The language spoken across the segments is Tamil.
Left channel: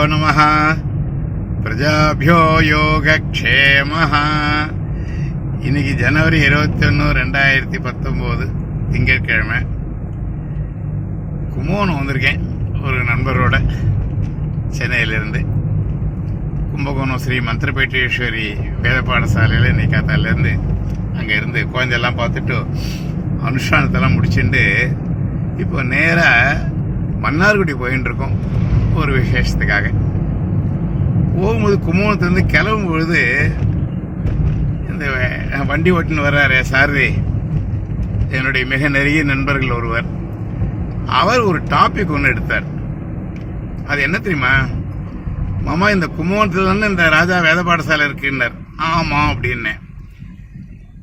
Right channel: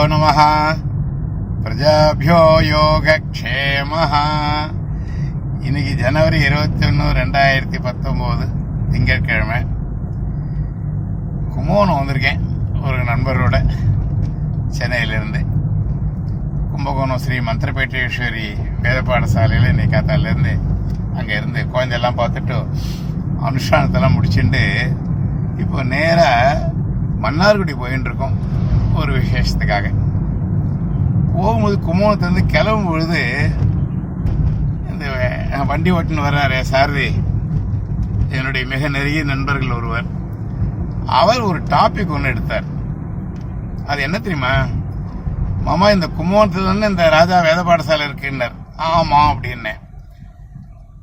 ஸ்ரீகுருப்போ பிரஜாபியோ யோகக்ஷேம இன்னைக்கு ஜனவரி இருபத்தி ஒன்று ரெண்டாயிரத்தி பத்தொம்போது திங்கட்கிழமை. கும்போணம் வந்திருக்கேன் ஒரு நண்பரோட சென்னையிலேருந்து. கும்பகோணம் ஸ்ரீ மந்திரபேட்டேஸ்வரி வேத பாடசாலையில் இன்னைக்கு காத்தாலேருந்து அங்கே இருந்து குழந்தையெல்லாம் பார்த்துட்டு அனுஷ்டானத்தெல்லாம் முடிச்சுட்டு இப்போ நேராக மன்னார்குடி போயின்னு இருக்கோம் ஒரு விசேஷத்துக்காக. போகும்போது கும்போணத்துலேருந்து கிளம்பும் பொழுது இந்த வண்டி ஓட்டின்னு வர்றாரு சாரதி. என்னுடைய மிக நெருங்கிய நண்பர்கள் ஒருவர். அவர் ஒரு டாபிக் ஒன்று எடுத்தார். அது என்ன தெரியுமா? மாமா இந்த கும்பகோணத்துல இந்த ராஜா வேத பாடசாலை இருக்குன்னார். ஆமாம் அப்படின்னேன்.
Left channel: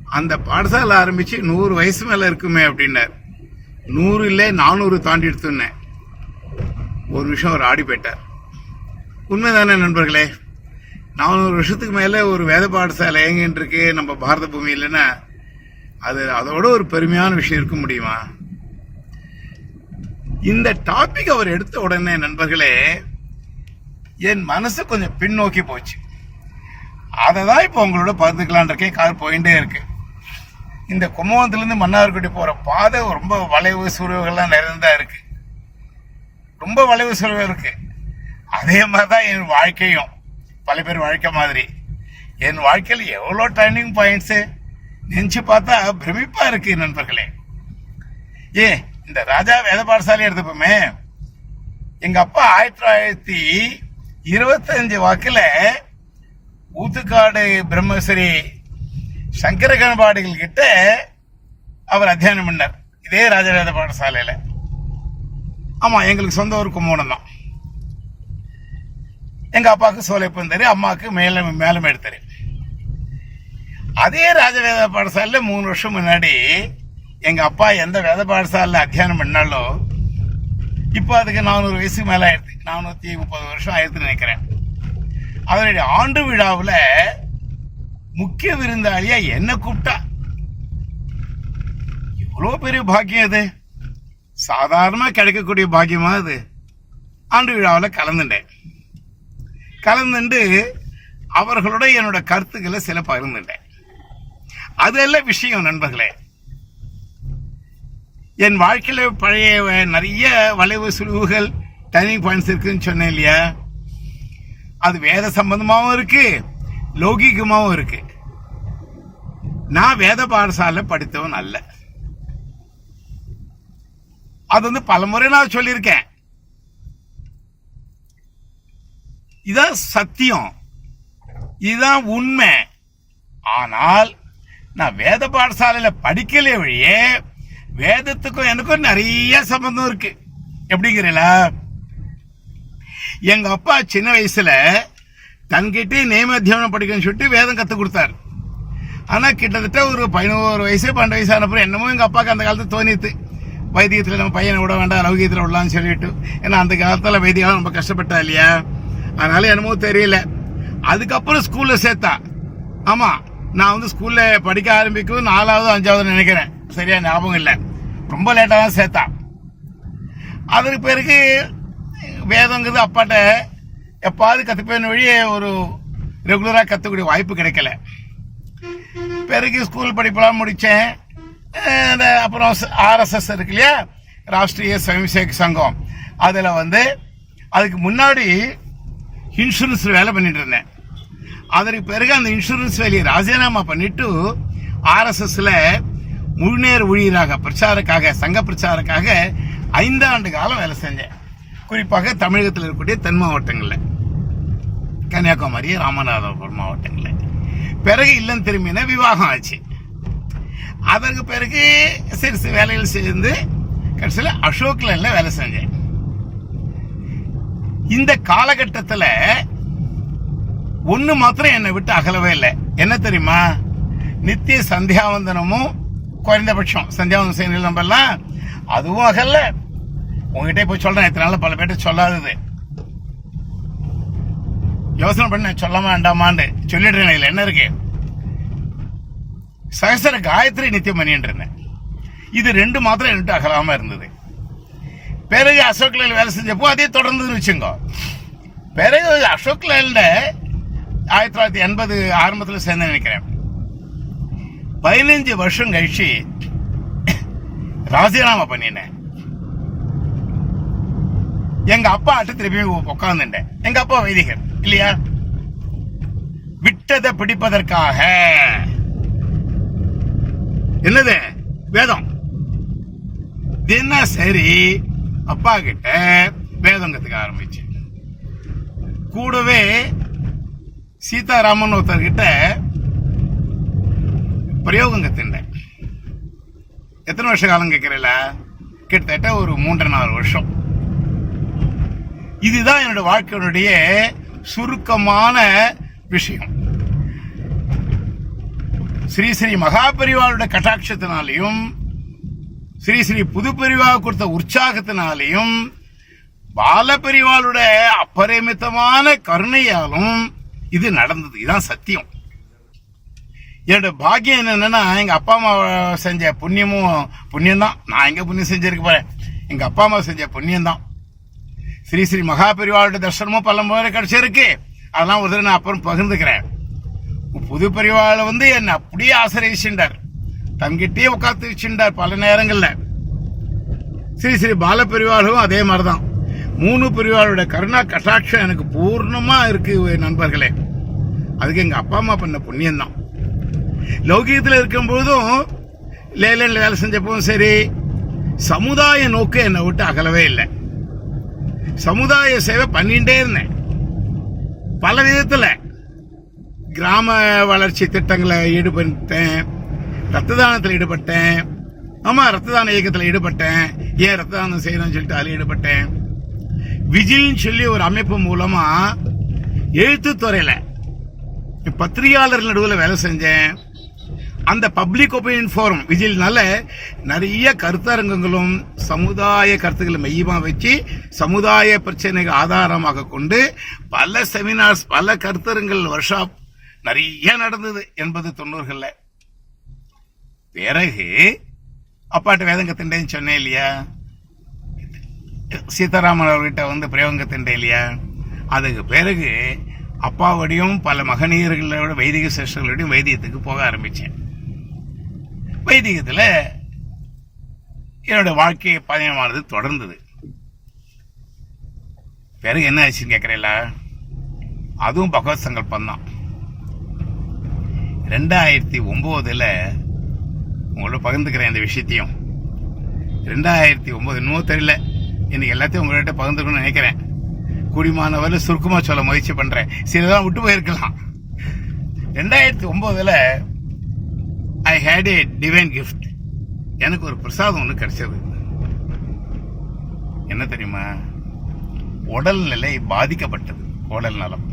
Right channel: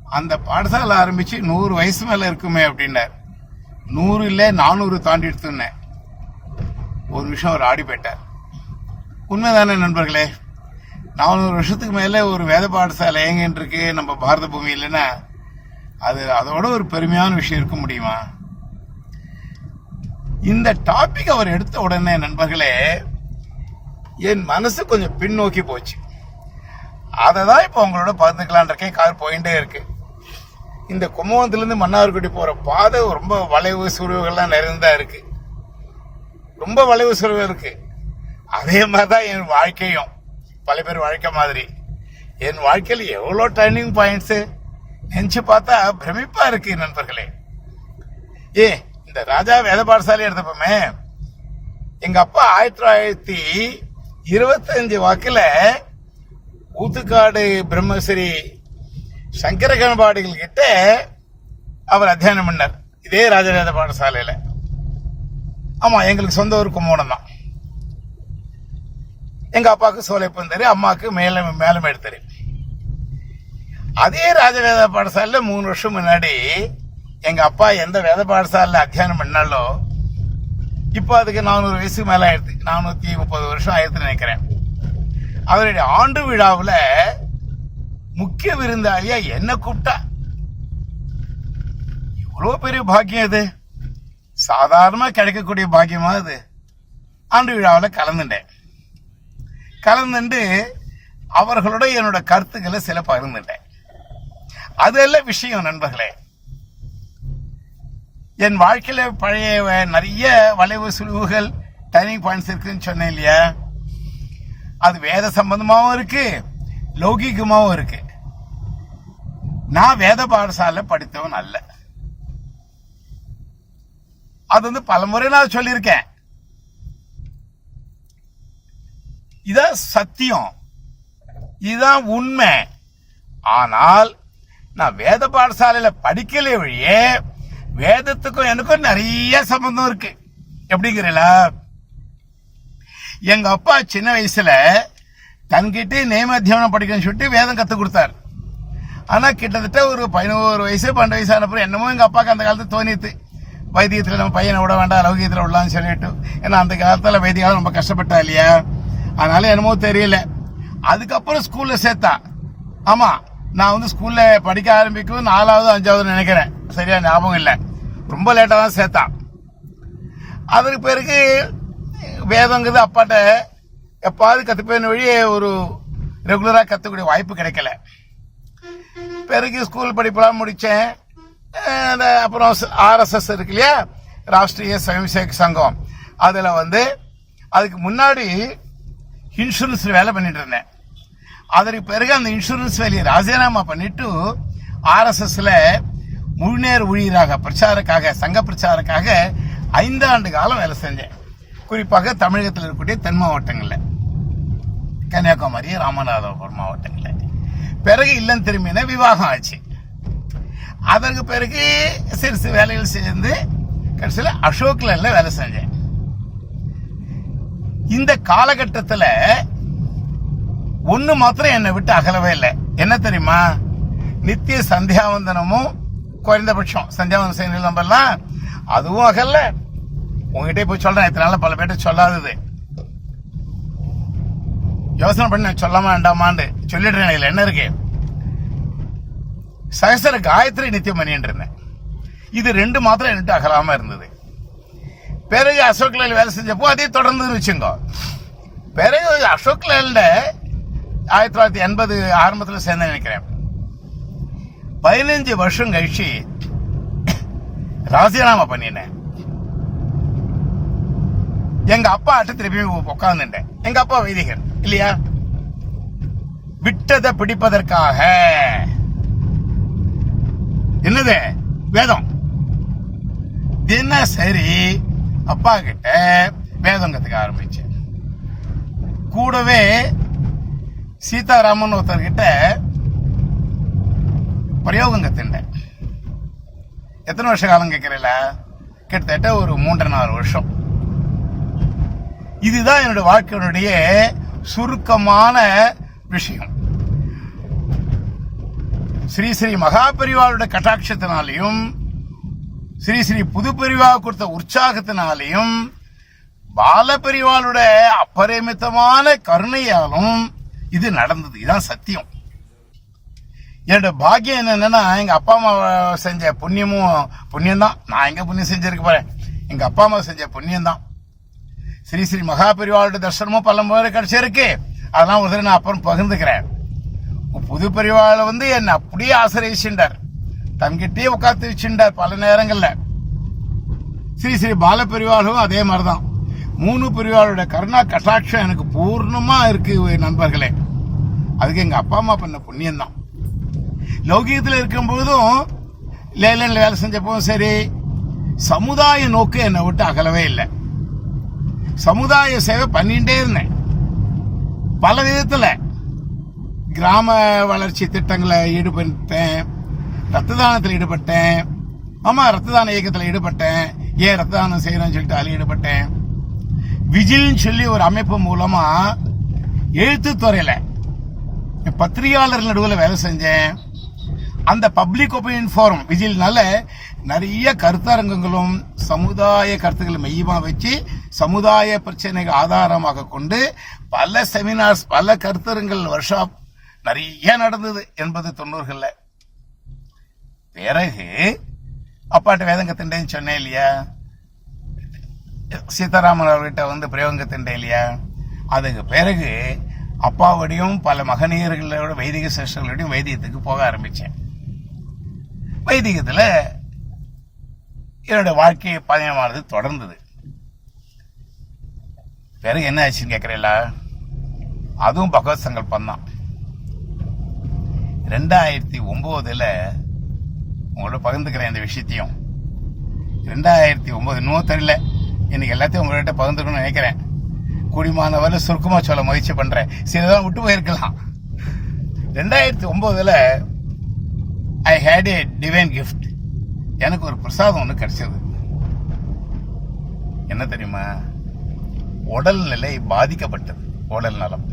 அந்த பாடசாலை ஆரம்பித்து நூறு வயசு மேலே இருக்குமே அப்படின்னார். நூறு இல்லை நானூறு தாண்டி எடுத்துன்னேன். ஒரு விஷயம் அவர் ஆடி போயிட்டார். உண்மைதானே நண்பர்களே? நானூறு வருஷத்துக்கு மேலே ஒரு வேத பாடசாலை எங்கன்னு இருக்கு நம்ம பாரத பூமி இல்லைன்னா அது அதோட ஒரு பெருமையான விஷயம் இருக்க முடியுமா? இந்த டாபிக் அவர் எடுத்த உடனே நண்பர்களே என் மனசு கொஞ்சம் பின்னோக்கி போச்சு. அதை தான் இப்போ உங்களோட பார்த்துக்கலான் இருக்கேன். கார் போயிட்டே இருக்கு. இந்த கும்பகோணத்துலேருந்து மன்னார்குடி போகிற பாதை ரொம்ப வளைவு சுருவுகள்லாம் நிறைந்ததாக இருக்குது ரொம்ப வளைவு செலவு இருக்கு. அதே மாதிரி தான் என் வாழ்க்கையும். பல பேர் வாழ்க்கை மாதிரி. என் வாழ்க்கையில் எவ்வளோ டர்னிங் பாயிண்ட்ஸு நினச்சி பார்த்தா பிரமிப்பாக இருக்கு நண்பர்களே. ஏ இந்த ராஜா வேத பாடசாலை எடுத்துப்போமே. எங்கள் அப்பா ஆயிரத்தி தொள்ளாயிரத்தி இருபத்தஞ்சு வாக்கில் ஊத்துக்காடு பிரம்மஸ்ரீ சங்கர கணபாடிகள் கிட்ட அவர் அத்தியானம் பண்ணார். இதே ராஜவேத பாடசாலையில் ஆமாம் எங்களுக்கு சொந்த ஊர் கும்பகோணம் தான். எங்கள் அப்பாவுக்கு சோலைப்பந்தரு அம்மாவுக்கு மேல மேலும் தெரு அதே ராஜவேத பாடசாலையில மூணு வருஷம் முன்னாடி எங்க அப்பா எந்த வேத பாடசாலையில அத்தியானம் பண்ணாலோ இப்போ அதுக்கு நானூறு வயசுக்கு மேலே ஆயிடுது. நானூற்றி முப்பது வருஷம் ஆயிடுதுன்னு நினைக்கிறேன். அவருடைய ஆண்டு விழாவில் முக்கிய விருந்தாளியா என்ன கூப்பிட்டா. எவ்வளோ பெரிய பாக்கியம் அது. சாதாரணமாக கிடைக்கக்கூடிய பாக்கியமா அது? ஆண்டு விழாவில் கலந்துட்டேன். கலந்துண்டு அவர்களோட என்னோட கருத்துக்களை சில பகிர்ந்துட்டேன். அதெல்லாம் விஷயம் நண்பர்களே என் வாழ்க்கையில் பழைய நிறைய வளைவு சுழிவுகள் டர்னிங் பாயிண்ட்ஸ் இருக்குன்னு சொன்னேன் இல்லையா? அது வேத சம்பந்தமாகவும் இருக்கு லௌகிகமாகவும் இருக்கு. நான் வேத பாடசாலை படித்தவன் அல்ல. அது வந்து பலமுறை நான் சொல்லியிருக்கேன். இதான் சத்தியம். இதுதான் உண்மை. ஆனால் நான் வேத பாடசாலையில் படிக்கலே வழியே வேதத்துக்கும் எனக்கும் நிறைய சம்பந்தம் இருக்கு. எப்படிங்கிறல எங்க அப்பா சின்ன வயசுல தன்கிட்ட நேமத்தியானம் படிக்கணும்னு சொல்லிட்டு வேதம் கத்து கொடுத்தாரு. ஆனா கிட்டத்தட்ட ஒரு பதினோரு வயசு பன்னெண்டு வயசு ஆனப்பறம் என்னமோ எங்க அப்பாவுக்கு அந்த காலத்தில் தோணித்து வைத்தியத்தில் நம்ம பையனை விட வேண்டாம் லௌகியத்தில் விடலாம்னு சொல்லிட்டு. ஏன்னா அந்த காலத்தில் வைத்தியம் ரொம்ப கஷ்டப்பட்டா இல்லையா? அதனால என்னமோ தெரியல. அதுக்கப்புறம் ஸ்கூலில் சேர்த்தா. ஆமாம் நான் வந்து ஸ்கூலில் படிக்க ஆரம்பிக்கும் நாலாவது அஞ்சாவது நினைக்கிறேன். சரியா ஞாபகம் இல்லை. ரொம்ப லேட்டாக தான் சேர்த்தான் அதற்கு பிறகு வேதங்கிறது அப்பாட்ட எப்பாவது கற்றுப்பேன் வழியே ஒரு ரெகுலராக கற்றுக்கூடிய வாய்ப்பு கிடைக்கல. பிறகு ஸ்கூல் படிப்பெல்லாம் முடித்தேன் அப்புறம் ஆர்எஸ்எஸ் இருக்கு இல்லையா? ராஷ்ட்ரிய ஸ்வயம்சேக் சங்கம். அதில் வந்து அதுக்கு முன்னாடி இன்சூரன்ஸ் வேலை பண்ணிட்டு இருந்தேன். அதற்கு பிறகு அந்த இன்சூரன்ஸ் வேலையை ராஜினாமா பண்ணிட்டு ஆர்எஸ்எஸ்ல முழுநேர் ஊழியராக பிரச்சாரக்காக சங்க பிரச்சாரக்காக ஐந்தாண்டு காலம் வேலை செஞ்சேன். குறிப்பாக தமிழகத்தில் இருக்கக்கூடிய தென் மாவட்டங்களில். கன்னியாகுமரி ராமநாதபுரம் மாவட்டங்களில். பிறகு இல்லம் திரும்பின விவாகம் ஆச்சு. அதற்கு பிறகு சிறு சிறு வேலைகள் சேர்ந்து கடைசியில் அசோக் லைன்ல வேலை செஞ்சேன். இந்த காலகட்டத்தில் ஒண்ணு மாத்திரம் என்னை விட்டு அகலவே இல்லை. என்ன தெரியுமா? நித்திய சந்தியாவந்தனமும் குறைந்தபட்சம். சந்தியாவந்தம் செய்யணும் நம்ம எல்லாம் அதுவும் அகல்ல. உங்ககிட்ட போய் சொல்கிறேன் இத்தனை நாள் பல பேர்ட்ட சொல்லாதது. யோசனை பண்ண நான் சொல்லாம வேண்டாமான்னு. சொல்லிடுறேன் இதில் என்ன இருக்கு? சகசர காயத்ரி நித்தியமணி என்று இருந்தேன் இது ரெண்டு மாத்திரம் என்கிட்ட அகலாம இருந்தது. பிறகு அசோக் லேல் வேலை செஞ்சப்போ அதே தொடர்ந்து வச்சுங்க பிறகு அசோக் லேல ஆயிரத்தி தொள்ளாயிரத்தி எண்பது ஆரம்பத்தில் சேர்ந்து நினைக்கிறேன். பதினஞ்சு வருஷம் கழிச்சு ராஜினாமா பண்ணினேன். எங்க அப்பா அட்டு திருப்பி உட்கார்ந்துட்டேன் எங்க அப்பா வைதிகர் இல்லையா? விட்டதை பிடிப்பதற்காக என்னது வேதம் மாதிரி அப்பா கிட்ட வேதம் கத்துக்க ஆரம்பிச்சேன். கூடவே சீதாராமன் ஒருத்தர்கிட்ட பிரயோகம் கத்துட்டேன் எத்தனை வருஷ காலம் கேட்கிறீங்களா கிட்டத்தட்ட ஒரு மூன்று நாலு வருஷம். இதுதான் என்னோட வாழ்க்கையினுடைய சுருக்கமான விஷயம். ஸ்ரீ ஸ்ரீ மகாபரிவாளுடைய கட்டாட்சத்தினாலையும் ஸ்ரீ ஸ்ரீ புதுப்பெரிவா கொடுத்த உற்சாகத்தினாலையும் பாலபெரிவாளுடைய அப்பரிமிதமான கருணையாலும் இது நடந்தது. இதுதான் சத்தியம். என்னோட பாக்கியம் என்னன்னா எங்க அப்பா அம்மா செஞ்ச புண்ணியமும் புண்ணியம் தான் நான் எங்க புண்ணியம் செஞ்சிருக்க போறேன்? எங்க அப்பா அம்மா செஞ்ச புண்ணியம் தான் ஸ்ரீ ஸ்ரீ மகாபெரிவாளுடைய தர்சனமும் பல முறை கிடைச்சிருக்கு. அதெல்லாம் ஒரு தடவை நான் அப்புறம் பகிர்ந்துக்கிறேன். புது பெரிவாளை வந்து என்னை அப்படியே ஆசிரியர் தங்கிட்டே உட்காந்துருச்சுட்டார் பல நேரங்களில் ஸ்ரீ ஸ்ரீ பால அதே அதே மாதிரிதான். மூணு பெரியவாளோட கருணா கட்டாட்சம் எனக்கு பூர்ணமா இருக்கு நண்பர்களே. அதுக்கு எங்க அப்பா அம்மா பண்ண புண்ணியம் தான் லௌகீகத்தில் இருக்கும்போதும் லேலன்ல வேலை செஞ்சப்பவும் சரி சமுதாய நோக்கு என்னை விட்டு அகலவே இல்லை. சமுதாய சேவை பண்ணிட்டே இருந்தேன். பல விதத்தில் கிராம வளர்ச்சி திட்டங்களை ஈடுபட்டேன் ரத்த தானத்தில் ஈடுபட்டேன். ஆமா ரத்த தான இயக்கத்தில் ஈடுபட்டேன். ஏன் ரத்த தானம் செய்யணும்னு சொல்லிட்டு அதில் ஈடுபட்டேன். விஜில்னு சொல்லி ஒரு அமைப்பு மூலமா எழுத்துத்துறையில பத்திரிகையாளர் நடுவில் வேலை செஞ்சேன். அந்த பப்ளிக் ஒப்பீனியன் ஃபோரம் விஜில்னால நிறைய கருத்தரங்கங்களும் சமுதாய கருத்துக்களை மையமாக வச்சு சமுதாய பிரச்சனைகள் ஆதாரமாக கொண்டு பல செமினார்ஸ் பல கருத்தரங்கள் ஒர்க் ஷாப் நிறைய நடந்தது எண்பது தொண்ணூறுகளில். பிறகு அப்பாட்ட வேதம் கத்துட்டேன்னு சொன்னேன் இல்லையா? சீதாராமன் அவர்கிட்ட வந்து பிரயோகம் கத்துட்டேன் இல்லையா? அதுக்கு பிறகு அப்பாவோடையும் பல மகனீயர்களோட வைதிக சிஸ்டர்களோடையும் வைத்தியத்துக்கு போக ஆரம்பிச்சேன். வைதிகத்துல என்னோட வாழ்க்கை பயணமானது தொடர்ந்தது. பிறகு என்ன ஆச்சுன்னு கேட்குறீங்களா அதுவும் பகவத் சங்கல்பம் தான் ரெண்டாயிரத்தி ஒன்பதுல உங்களோட பகிர்ந்துக்கிறேன் இந்த விஷயத்தையும். ரெண்டாயிரத்தி ஒம்பது இன்னும் தெரியல இன்னைக்கு எல்லாத்தையும் உங்கள்கிட்ட பகிர்ந்துக்கணும்னு நினைக்கிறேன். குடிமானவரை சுருக்கமாக சொல்ல முயற்சி பண்றேன். சிலதான் விட்டு போயிருக்கலாம். ரெண்டாயிரத்தி ஒன்பதுல I had a divine gift எனக்கு ஒரு பிரசாதம் ஒன்று கிடைச்சது. என்ன தெரியுமா? உடல்நிலை பாதிக்கப்பட்டது. உடல் நலம்.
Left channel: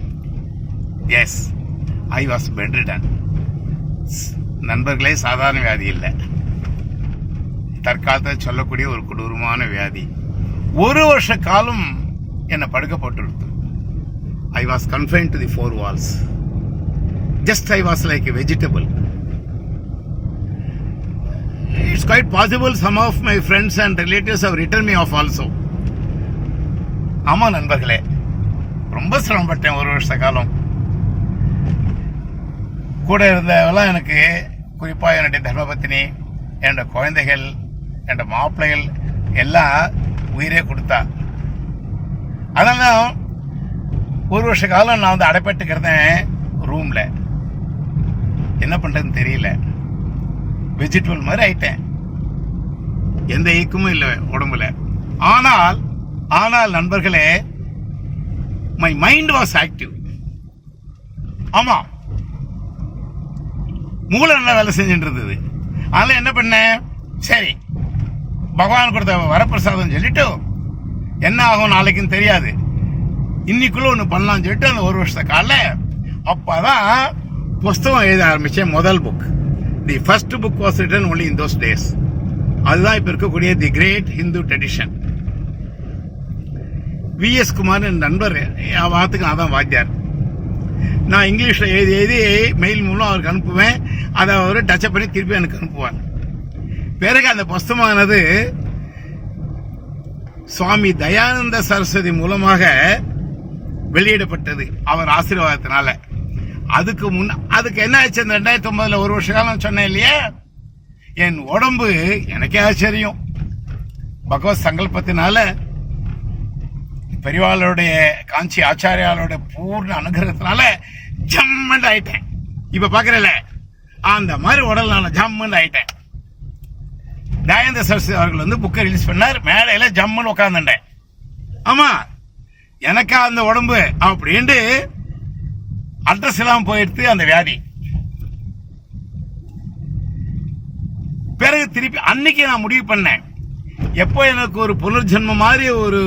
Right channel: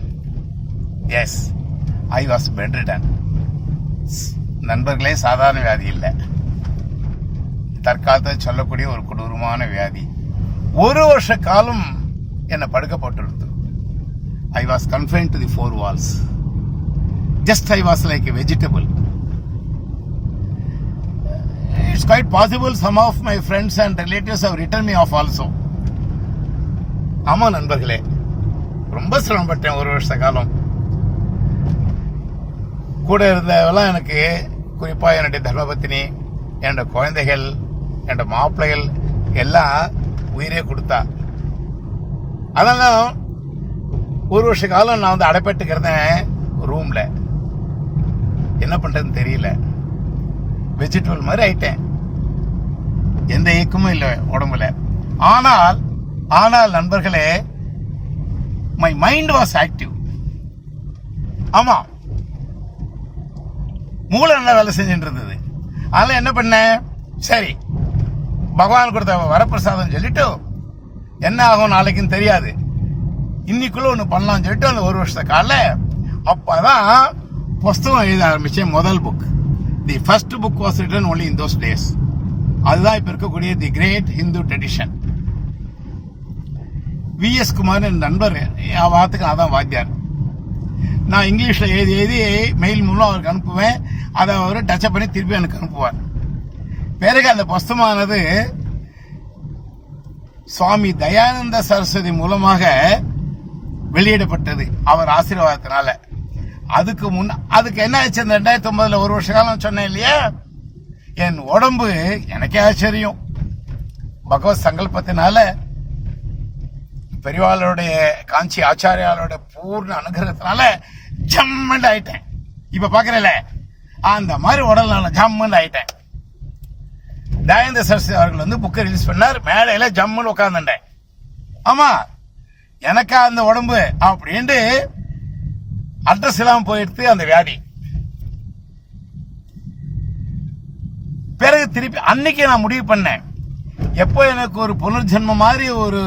எஸ் ஐ வாஸ் பெட்ரிடன் நண்பர்களே சாதாரண வியாதி இல்லை. தற்காலத்தில் சொல்லக்கூடிய ஒரு கொடூரமான வியாதி. ஒரு வருஷ காலம் என்னை படுக்க போட்டுருது I was confined to the four walls just I was like a vegetable it's quite possible some of my friends and relatives have return me off also ஆமாம் நண்பர்களே ரொம்ப சிரமப்பட்டேன் ஒரு வருஷ காலம். கூட இருந்தவெல்லாம் எனக்கு குறிப்பாக என்னுடைய தர்மபத்தினி என்னோட குழந்தைகள் என்னோட மாப்பிள்ளைகள் எல்லாம் உயிரே கொடுத்தா. அதனால ஒரு வருஷ காலம் நான் வந்து அடைப்பட்டுக்கிறதேன் ரூமில் என்ன பண்ணுறதுன்னு தெரியல. வெஜிடபிள் மாதிரி ஆயிட்டேன். எந்த இயக்கமும் இல்லை உடம்புல. ஆனால் ஆனால் நண்பர்களே மை மைண்ட் வாஸ் ஆக்டிவ் ஆமாம் மூளை நல்லா வேலை செஞ்சுட்டு இருந்தது அதனால என்ன பண்ணேன் சரி பகவான் கொடுத்த வரப்பிரசாதம் சொல்லிட்டு என்ன ஆகும் நாளைக்குன்னு தெரியாது. இன்னைக்குள்ள ஒன்று பண்ணலாம்னு சொல்லிட்டு அந்த ஒரு வருஷத்த கால அப்பதான் புஸ்தகம் எழுத ஆரம்பிச்சேன் முதல் book the first book was written only in those days அதுதான் இப்போ இருக்கக்கூடிய the great Hindu tradition VS Kumar என் நண்பர் என் வார்த்தைக்கு அதான் வாத்தியார். நான் இங்கிலீஷில் எழுதி எழுதி மெயில் மூலம் அவருக்கு அனுப்புவேன். அதை அவர் டச்சப் பண்ணி திருப்பி எனக்கு அனுப்புவார். பிறகு அந்த புஸ்தமானது சுவாமி தயானந்த சரஸ்வதி மூலமாக வெளியிடப்பட்டது அவர் ஆசீர்வாதத்தினால. அதுக்கு முன் அதுக்கு என்ன ஆச்சு அந்த ரெண்டாயிரத்தி ஒன்பதுல ஒரு வருஷ காலம் சொன்னேன் இல்லையா? என் உடம்பு எனக்கே ஆச்சரியம். பகவத் சங்கல்பத்தினால பெரியவாளுடைய காஞ்சி ஆச்சாரியாளோட பூர்ண அனுகிரகத்தினால ஜம்மண்ட் ஆயிட்டேன். இப்ப பாக்குறல அந்த மாதிரி உடல் நான் ஜம்மண்ட் ஆயிட்டேன். தயந்த சரஸ்வதி அவர்கள் வந்து புக்கை ரிலீஸ் பண்ணார். மேடையில ஜம்முன்னு உட்காந்துட்டேன் ஆமா எனக்கா அந்த உடம்பு அப்படின்ட்டு அட்ரஸ் இல்லாம போயிடுத்து அந்த வியாதி. பிறகு திருப்பி அன்னைக்கு நான் முடிவு பண்ணேன். எப்போ எனக்கு ஒரு புனர்ஜென்ம மாதிரி ஒரு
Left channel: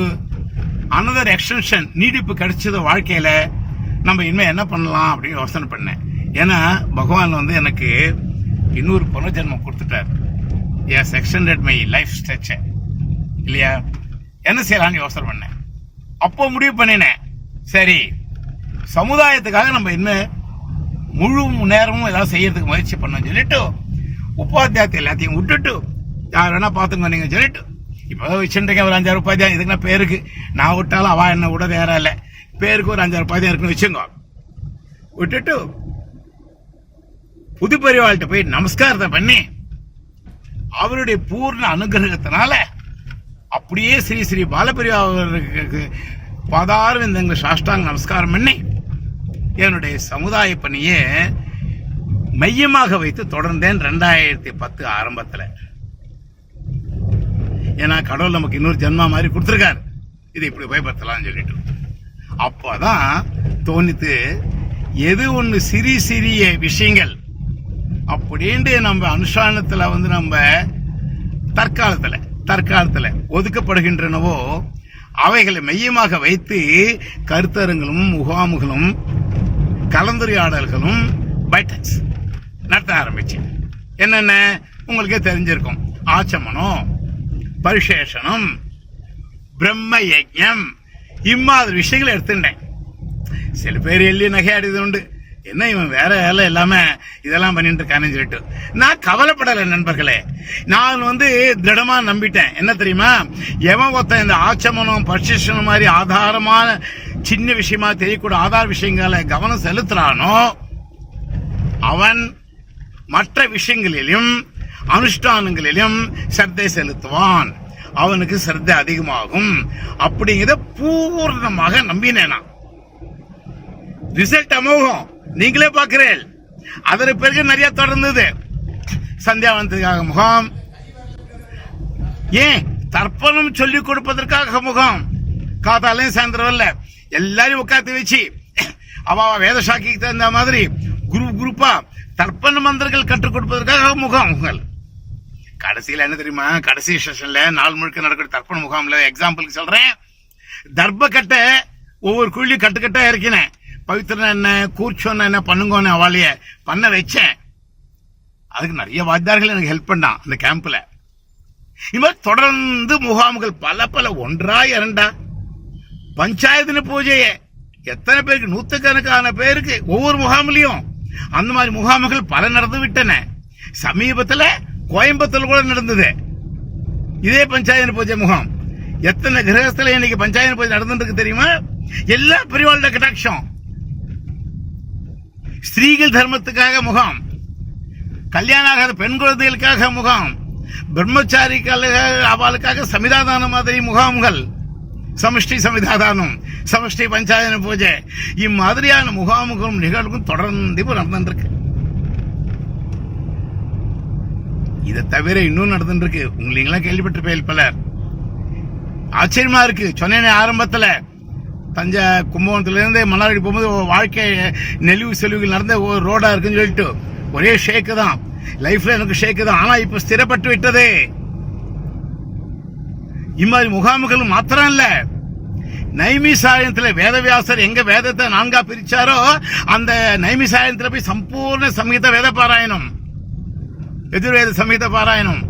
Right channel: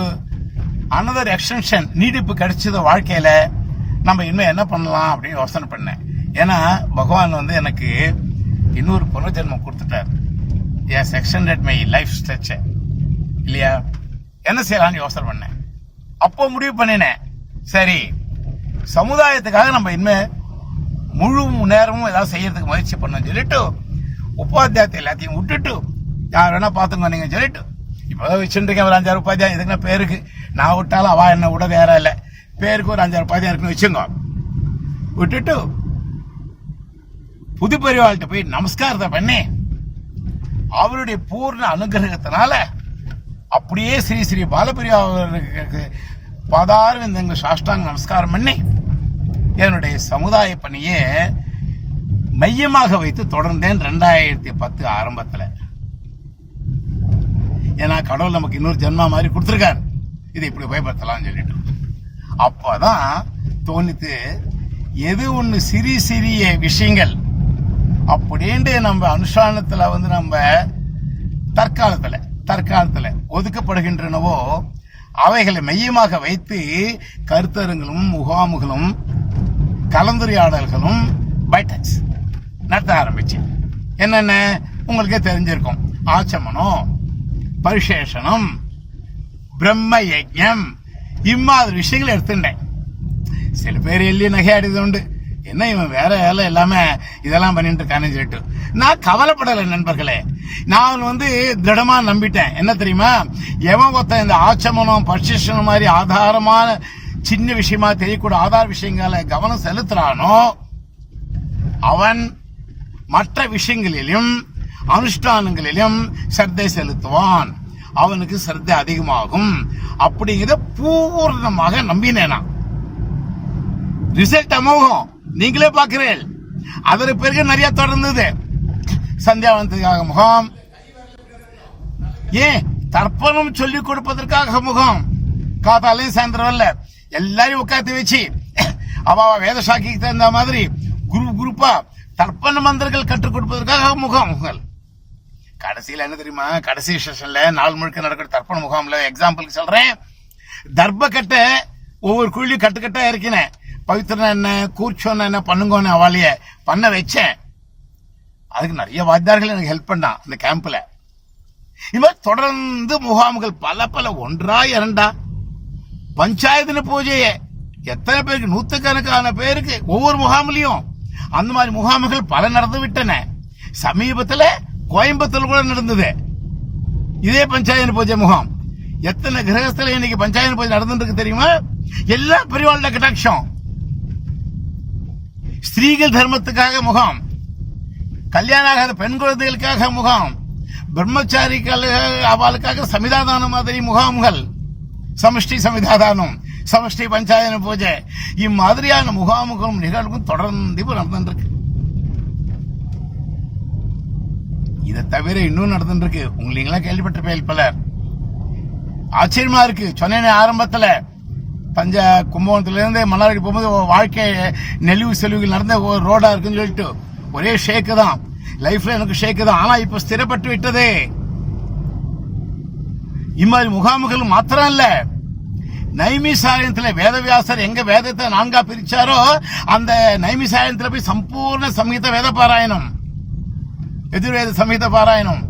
அனதர் எக்ஸ்டென்ஷன் நீடிப்பு கிடைச்சது வாழ்க்கையில நம்ம இனிமேல் என்ன பண்ணலாம் அப்படின்னு யோசனை பண்ணேன். ஏன்னா பகவான் வந்து எனக்கு இன்னொரு புனர்ஜென்மம் கொடுத்துட்டார். Yes extended my life stretch இல்லையா? என்ன செய்யலாம்னு யோசனை பண்ணேன். அப்போ முடிவு பண்ணினேன். சரி சமுதாயத்துக்காக நம்ம இனிமே முழு நேரமும் ஏதாவது செய்யறதுக்கு முயற்சி பண்ணோம் சொல்லிட்டு உபாத்தியாயத்தை எல்லாத்தையும் விட்டுட்டு யார் வேணா பார்த்துங்க நீங்க சொல்லிட்டு இப்போ வச்சுருக்கேன் ஒரு அஞ்சாறு ரூபாய் தான் இதுக்குன்னா பேருக்கு. நான் விட்டாலும் அவள் என்ன விட வேற இல்லை. பேருக்கு ஒரு அஞ்சாறு உபாத்தியம் இருக்குன்னு வச்சுருந்தோம். விட்டுட்டு புது பெரியவாள்கிட்ட போய் நமஸ்காரத்தை பண்ணி அவருடைய பூர்ண அனுகிரகத்தினால அப்படியே ஸ்ரீ ஸ்ரீ பாலபிரியா அவர்களுக்கு பாதாரவிந்தங்க சாஷ்டாங்க நமஸ்காரம் பண்ணி என்னுடைய சமுதாய பணியை மையமாக வைத்து தொடர்ந்தேன் ரெண்டாயிரத்தி பத்து ஆரம்பத்தில். ஏன்னா கடவுள் நமக்கு இன்னொரு ஜென்மா மாதிரி கொடுத்துருக்காரு. இதை இப்படி பயப்படுத்தலாம்னு சொல்லிட்டு. அப்போதான் தோணித்து எது ஒன்று சிறிய சிறிய விஷயங்கள் அப்படின்ட்டு நம்ம அனுஷ்டானத்தில் வந்து நம்ம தற்காலத்தில் தற்காலத்தில் ஒதுக்கப்படுகின்றனவோ அவைகளை மையமாக வைத்து கருத்தரங்களும் முகாமுகளும் கலந்துரையாடல்களும் பைட்டக்ஸ் நடத்த ஆரம்பிச்சு. என்னென்ன? உங்களுக்கே தெரிஞ்சிருக்கும். ஆச்சமனம் பரிசேஷனம் பிரம்ம யஜம் இம்மாதிரி விஷயங்களை எடுத்துட்டேன். சில பேர் எள்ளி நகையாடியது உண்டு. என்ன இவன் வேற வேலை இல்லாம இதெல்லாம் பண்ணிட்டு இருக்கான்னு சொல்லிட்டு. நான் கவலைப்படலை நண்பர்களே. நான் வந்து திடமா நம்பிட்டேன். என்ன தெரியுமா? எவன் ஒருத்தன் இந்த ஆச்சமனம் பரிசேஷனம் மாதிரி ஆதாரமான சின்ன விஷயமா தெரியக்கூடிய ஆதார விஷயங்களை கவனம் செலுத்துறானோ அவன் மற்ற விஷயங்களிலும் அனுஷ்டானங்களிலும் சிரத்தை செலுத்துவான். அவனுக்கு சிரத்தை அதிகமாகும். அப்படிங்கிறத பூர்ணமாக நம்பினேன். நான் ரிசல்ட் அமோகம். நீங்களே பாக்குறேன் அதற்கு பிறகு நிறைய தொடர்ந்தது. சந்தியாவந்தத்துக்காக முகாம். ஏன்? தர்ப்பணம் சொல்லிக் கொடுப்பதற்காக முகாம். காத்தாலையும் சாயந்தரம் இல்ல எல்லாரையும் உட்காந்து வச்சு அவ வேத சாக்கிக்கு தகுந்த மாதிரி குரூப் குரூப்பா தர்ப்பண மந்திரங்கள் கற்றுக் கொடுப்பதற்காக முகாம்கள் கடைசியில் என்ன தெரியுமா? கடைசி செஷன்ல நாள் முழுக்க நடக்கிற தர்ப்பண முகாம்ல எக்ஸாம்பிளுக்கு சொல்றேன். தர்ப்ப கட்டை ஒவ்வொரு குழியும் கட்டு கட்டா இறக்கினேன் பவித்திரன் என்ன கூர்ச்சோன்னு என்ன பண்ணுங்கன்னு அவளைய பண்ண வச்சேன். அதுக்கு நிறைய வாத்தியார்கள் எனக்கு ஹெல்ப் பண்ணான் அந்த கேம்ப்ல இது மாதிரி தொடர்ந்து முகாம்கள் பல பல ஒன்றா இரண்டா. பஞ்சாயத்து பூஜையே. எத்தனை பேருக்கு? நூத்துக்கணக்கான பேருக்கு. ஒவ்வொரு முகாமிலையும். அந்த மாதிரி முகாம்கள் பல நடந்து விட்டன. சமீபத்துல கோயம்புத்தூர் கூட நடந்தது. இதே பஞ்சாயத்து பூஜை முகாம். எத்தனை கிரகஸ்தல இன்னைக்கு பஞ்சாயத்து பூஜை நடந்துருக்கு தெரியுமா? எல்லா பிரிவாள கட்டாட்சம். ஸ்திரீகள் தர்மத்துக்காக முகாம். கல்யாணம் ஆகாத பெண் குழந்தைகளுக்காக முகாம். பிரம்மச்சாரிகள் அவளுக்காக சமிதாதான மாதிரி முகாம்கள். சமஷ்டி சமிதாதானம் சமஷ்டி பஞ்சாயன பூஜை. இம்மாதிரியான முகாமுகளும் நிகழ்வும் தொடர்ந்து நடந்துருக்கு நடந்துட்டு இருக்கு இதை தவிர இன்னும் நடந்துருக்கு உங்களைங்களாம் உங்களீங்களாம் கேள்விப்பட்டிருப்பேன் பலர் ஆச்சரியமா இருக்கு. சொன்னேன் ஆரம்பத்துல தஞ்சை கும்பகோணத்துல இருந்து போகும்போது வாழ்க்கை நெளிவு செலவுகள் நடந்த ஒரு ரோடா இருக்குன்னு சொல்லிட்டு. ஒரே ஷேக்கு தான். லைஃப்ல எனக்கு ஷேக்கு தான். ஆனா இப்ப ஸ்திரப்பட்டு விட்டதே. இம்மாதிரி முகாம்கள் மாத்திரம் இல்ல. நைமிசாயத்துல வேதவியாசர் எங்க வேதத்தை நான்கா பிரிச்சாரோ அந்த நைமிசாயத்துல போய் சம்பூர்ண சமீத வேத பாராயணம் எதிர்வேத சமீத பாராயணம்.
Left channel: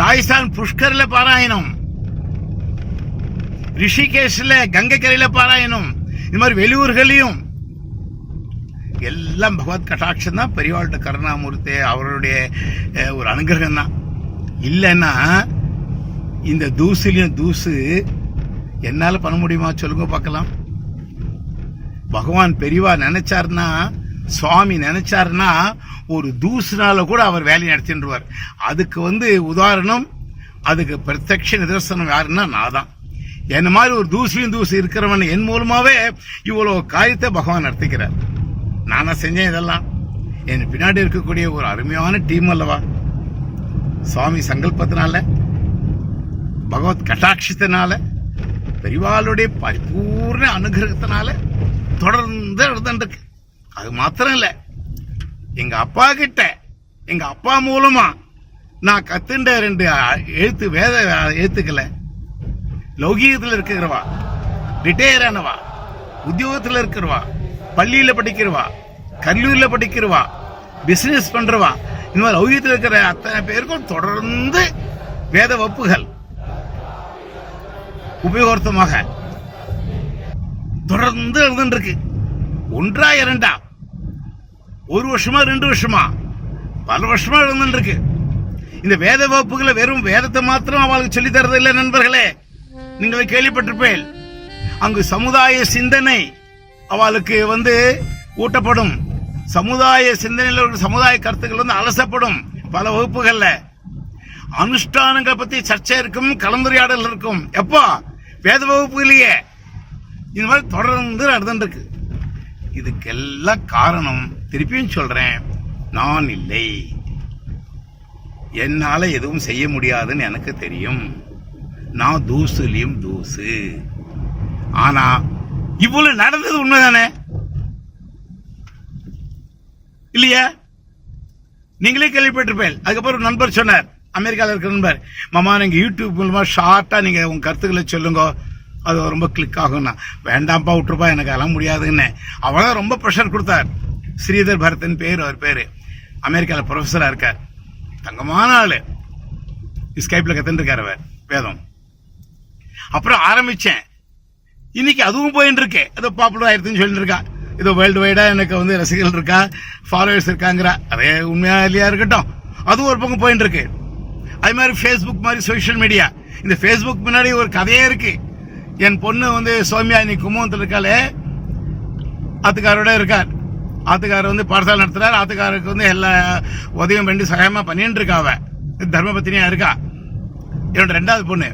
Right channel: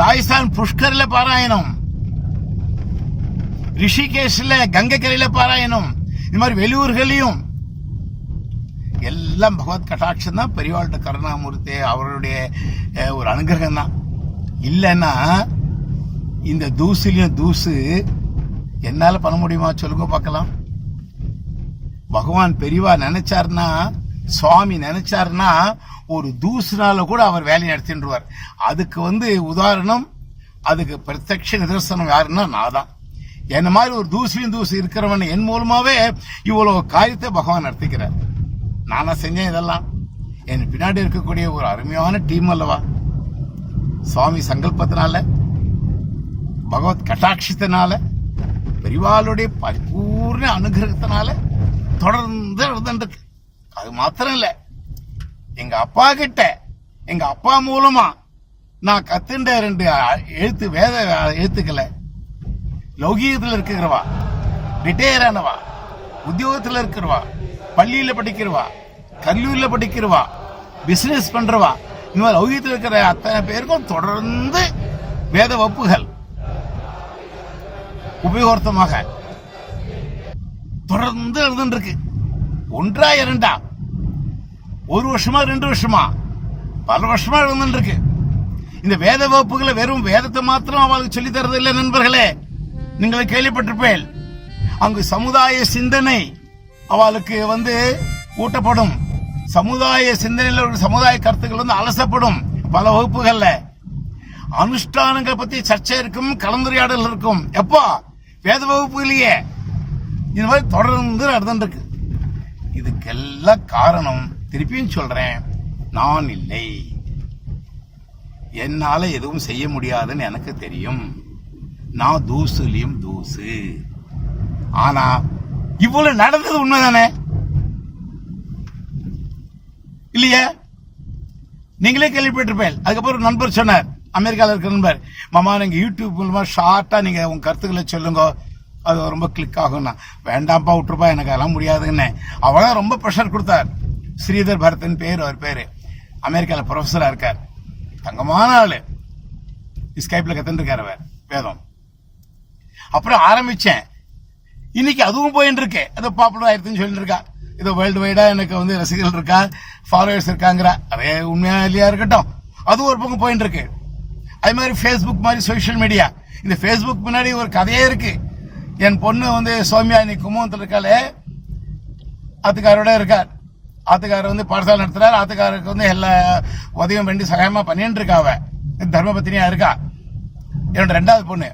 ராஜஸ்தான் புஷ்கர்ல பாராயணம். ரிஷிகேஷ்ல கங்கைக்கரையில் பாராயணம். இந்த மாதிரி வெளியூர்களையும் எல்லாம் பகவத் கட்டாட்சம் தான். பெரியவாழ்கிட்ட கருணாமூர்த்தி அவருடைய ஒரு அனுகிரகம் தான். இல்லைன்னா இந்த தூசுலயும் தூசு என்னால பண்ண முடியுமா? சொல்லுங்க பார்க்கலாம். பகவான் பெரியவா நினைச்சாருன்னா சுவாமி நினைச்சாருன்னா ஒரு தூசுனால கூட அவர் வேலையை நடத்தின்றுவார். அதுக்கு வந்து உதாரணம் அதுக்கு பிரத்யக்ஷ நிதர்சனம் யாருன்னா நான் தான் என்ன மாதிரி ஒரு தூசியும் தூசு இருக்கிறவன் என் மூலமாவே இவ்வளவு காரியத்தை பகவான் நடத்திக்கிறார். நானா செஞ்சேன் இதெல்லாம். என் பின்னாடி இருக்கக்கூடிய ஒரு அருமையான டீம் அல்லவா? சுவாமி சங்கல்பத்தினால பகவத் கட்டாட்சத்தினால பெரிவாளுடைய பரிபூர்ண அனுகிரகத்தினால தொடர்ந்து எழுதுருக்கு அது மாத்திரம் இல்லை. எங்க அப்பா கிட்ட எங்க அப்பா மூலமா நான் கத்துண்ட ரெண்டு எழுத்து வேத எழுத்துக்களை. லௌகீகத்தில் இருக்கிறவா ரிட்டையர் ஆனவா உத்தியோகத்தில் இருக்கிறவா பள்ளியில படிக்கிறவா கல்லூரியில படிக்கிறவா பிசினஸ் பண்றவா இந்த மாதிரி லௌகியத்தில் இருக்கிற அத்தனை பேருக்கும் தொடர்ந்து வேத வப்புகள் உபயோகமாக தொடர்ந்து எழுதுன்னு இருக்கு ஒன்றா இரண்டா ஒரு வருஷமா ரெண்டு வருஷமா? பல வருஷமா எழுதுன்னு இருக்கு இந்த வேத வகுப்புகளை வெறும் வேதத்தை மாத்திரம் அவளுக்கு சொல்லி தரது இல்லை நண்பர்களே. நீங்கள் கேள்விப்பட்டிருப்பேன். அங்கு சமுதாய சிந்தனை அவளுக்கு வந்து ஊட்டப்படும். சமுதாய சிந்தனையில் ஒரு சமுதாய கருத்துக்கள் வந்து அலசப்படும் பல வகுப்புகள்ல. அனுஷ்டானங்களை பத்தி சர்ச்சை இருக்கும் கலந்துரையாடல் இருக்கும். எப்போ? வேத வகுப்புலயே இந்த மாதிரி தொடர்ந்து நடந்துட்டு இருக்கு இதுக்கெல்லாம் காரணம் திருப்பியும் சொல்றேன் நான் இல்லை. என்னால் எதுவும் செய்ய முடியாதுன்னு எனக்கு தெரியும். நான் தூசுலையும் தூசு. ஆனா இவ்வளவு நடந்தது உண்மைதானே? இல்லையா? நீங்களே கேள்விப்பட்டிருப்பேன். அதுக்கப்புறம் ஒரு நண்பர் சொன்னார் அமெரிக்காவில் இருக்கிற நண்பர் மாமா நீங்க யூடியூப் மூலமா ஷார்ட்டா நீங்க உங்க கருத்துக்களை சொல்லுங்க. அது ரொம்ப கிளிக் ஆகும்னா. வேண்டாம்ப்பா விட்டுருப்பா எனக்கு அதெல்லாம் முடியாதுன்னு. அவ்வளவு ரொம்ப ப்ரெஷர் கொடுத்தார். ஸ்ரீதர் பரத்னு பேர் அவர் பேர். அமெரிக்காவில் ப்ரொஃபஸராக இருக்கார். தங்கமான ஆள். ஸ்கைப்ல கற்றுருக்கார் அவர். வேதம். அப்புறம் ஆரம்பிச்சேன். இன்னைக்கு அதுவும் போயின்னு இருக்கேன் அது பாப்புலர் ஆயிருக்குன்னு சொல்லிட்டு இருக்கா இது வேர்ல்டு வைடா எனக்கு வந்து ரசிகர்கள் இருக்கா? ஃபாலோவர்ஸ் இருக்காங்கிற. அதே உண்மையாக இல்லையா இருக்கட்டும். அதுவும் ஒரு பக்கம் போயின்னு இருக்கு அது மாதிரி ஃபேஸ்புக் மாதிரி சோஷியல் மீடியா இந்த ஃபேஸ்புக் முன்னாடி ஒரு கதையே இருக்கு. என் பொண்ணு வந்து சௌமியா இன்னைக்கு கும்பகோணத்தில் இருக்காளே. அத்துக்காரோட இருக்கார். ஆத்துக்காரர் வந்து பாடசாலை நடத்துறாரு ஆத்துக்காரருக்கு வந்து எல்லா உதவியும் பண்ணி சகாயமாக பண்ணிட்டு இருக்கா தர்மபத்தினியா இருக்கா? என்னோட ரெண்டாவது பொண்ணு.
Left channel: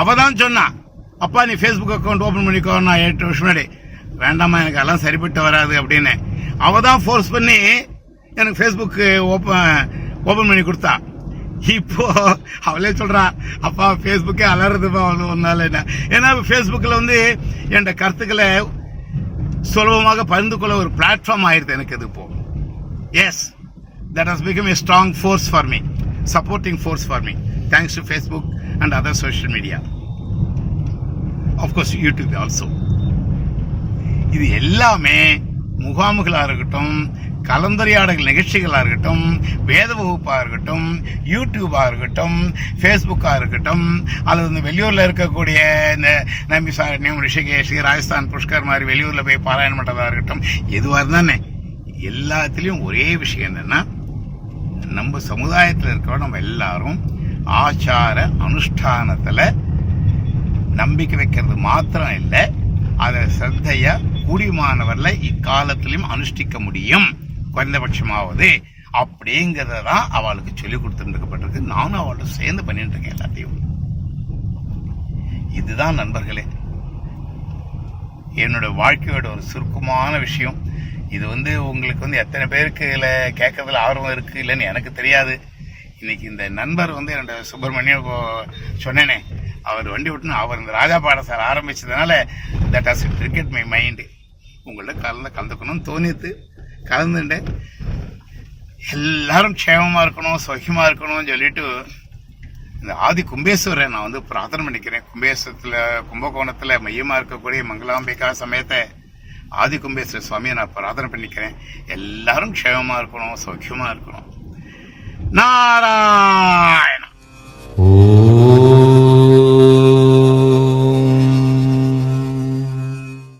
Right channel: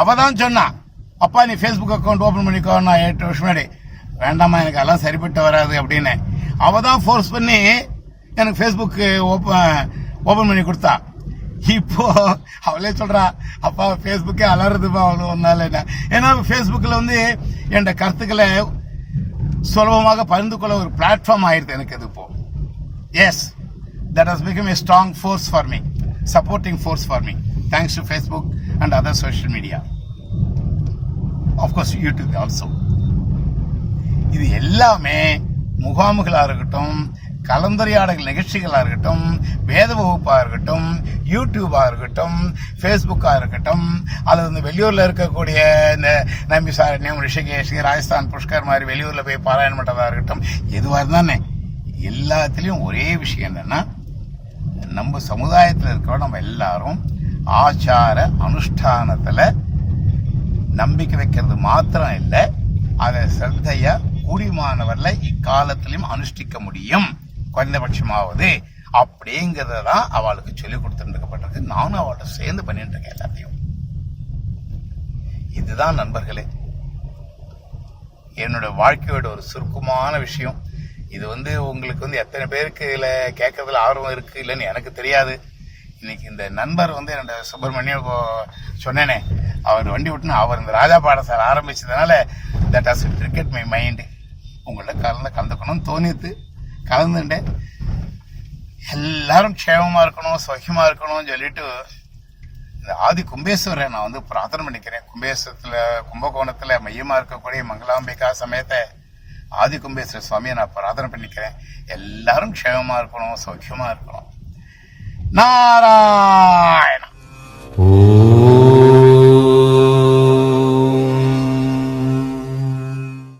அவ தான் சொன்னா அப்பா நீ ஃபேஸ்புக் அக்கௌண்ட் ஓபன் பண்ணிக்கோ நான் எட்டு வருஷம் முன்னாடி. வேண்டாமா எனக்கு எல்லாம் சரிப்பட்டு வராது அப்படின்னு. அவ தான் ஃபோர்ஸ் பண்ணி எனக்கு ஃபேஸ்புக் ஓப்பன் ஓபன் பண்ணி கொடுத்தா. இப்போ அவளே சொல்றா அப்பா ஃபேஸ்புக்கே அலறதுப்பா அவ்வளோ ஒரு நாள் என்ன? ஏன்னா ஃபேஸ்புக்கில் வந்து என்னோட கருத்துக்களை சுலபமாக பகிர்ந்து கொள்ள ஒரு பிளாட்ஃபார்ம் ஆயிருது எனக்கு இது இப்போ. Yes that has become a strong force for me supporting force for me thanks to Facebook and other social media of course YouTube also இது எல்லாமே முகாம்களாக இருக்கட்டும் கலந்துரையாடல் நிகழ்ச்சிகளாக இருக்கட்டும் வேத வகுப்பாக இருக்கட்டும் யூடியூபாக இருக்கட்டும் ஃபேஸ்புக்காக இருக்கட்டும் அல்லது இந்த வெளியூரில் இருக்கக்கூடிய இந்த நம்பி சாரண்யம் ரிஷிகேஷ் ராஜஸ்தான் புஷ்கர் மாதிரி வெளியூரில் போய் பாராயணம் பண்ணுறதா இருக்கட்டும் எதுவாக இருந்தானே எல்லாத்துலேயும் ஒரே விஷயம் என்னென்னா நம்ம சமுதாயத்தில் இருக்கிற நம்ம எல்லாரும் ஆச்சார அனுஷ்டானத்தில் நம்பிக்கை வைக்கிறது மாத்திரம் இல்லை அதை சிரத்தைய கூடியமானவர்ல இக்காலத்திலையும் அனுஷ்டிக்க முடியும். குறைந்தபட்சமாவது அப்படிங்கிறத தான் அவளுக்கு சொல்லி கொடுத்துருக்கப்பட்டிருக்கு. நானும் அவள்கிட்ட சேர்ந்து பண்ணிட்டு இருக்கேன் எல்லாத்தையும். இதுதான் நண்பர்களே என்னோட வாழ்க்கையோட ஒரு சுருக்கமான விஷயம். இது வந்து உங்களுக்கு வந்து எத்தனை பேருக்கு இதில் கேட்கறதுல ஆர்வம் இருக்கு இல்லைன்னு எனக்கு தெரியாது. இன்னைக்கு இந்த நண்பர் வந்து என்னோட சுப்பிரமணியம் சொன்னேனே அவர் வண்டி விட்டுன்னு அவர் இந்த ராஜா பாடசாலை ஆரம்பிச்சதுனால that has cricket my mind உங்கள்ட்ட கலந்து கலந்துக்கணும்னு தோணித்து கலந்துட்டேன் எல்லாரும் க்ஷேமமாக இருக்கணும் சௌக்கியமா இருக்கணும்னு சொல்லிட்டு இந்த ஆதி கும்பேஸ்வரை நான் வந்து பிரார்த்தனை பண்ணிக்கிறேன் கும்பேஸ்வரத்தில் கும்பகோணத்தில் மையமாக இருக்கக்கூடிய மங்களாம்பிகா சமயத்தை ஆதி கும்பேஸ்வர சுவாமியை நான் பிரார்த்தனை பண்ணிக்கிறேன் எல்லாரும் க்ஷேமமாக இருக்கணும் சௌக்கியமாக இருக்கணும் நாராயண